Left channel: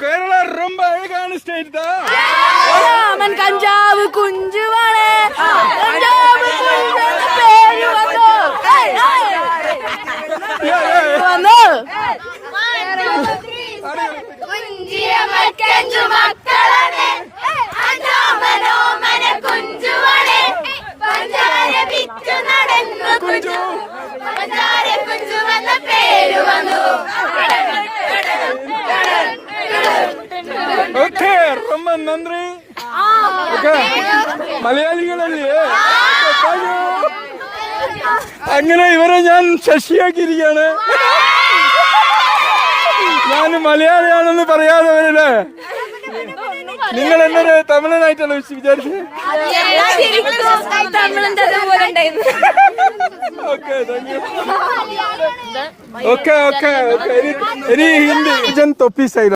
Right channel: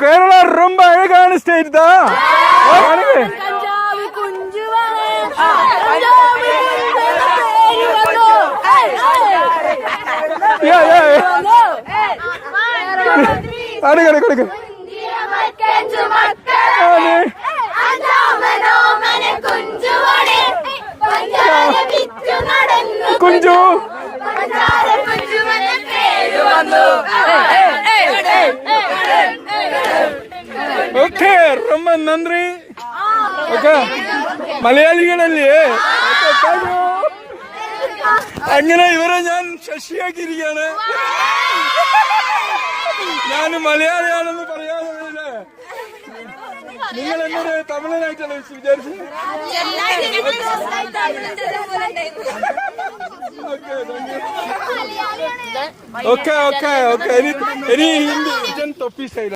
കേരള ரொம்ப அழகான ஸ்டேட் தான். കഞ്ചാവ് കുഞ്ചുവാണ് കുഞ്ചു ഓക്കെ ரொம்ப നന്ദി. ഓക്കെ മലയാളികളല്ലേ? അങ്ങനെ ഇവരെ ഞാൻ ശശിയാക്കിയിരിക്കുകയാണ്. ഞാൻ മലയാളിയാണെന്ന് പറയാതെ വരല്ലേ? നിങ്ങൾ എന്നെ തമിഴനായിട്ടല്ല വിചാരിച്ചത്? Okay okay okay. ഇനി ഹിന്ദി ജൻ തൊപ്പി സൈഡ്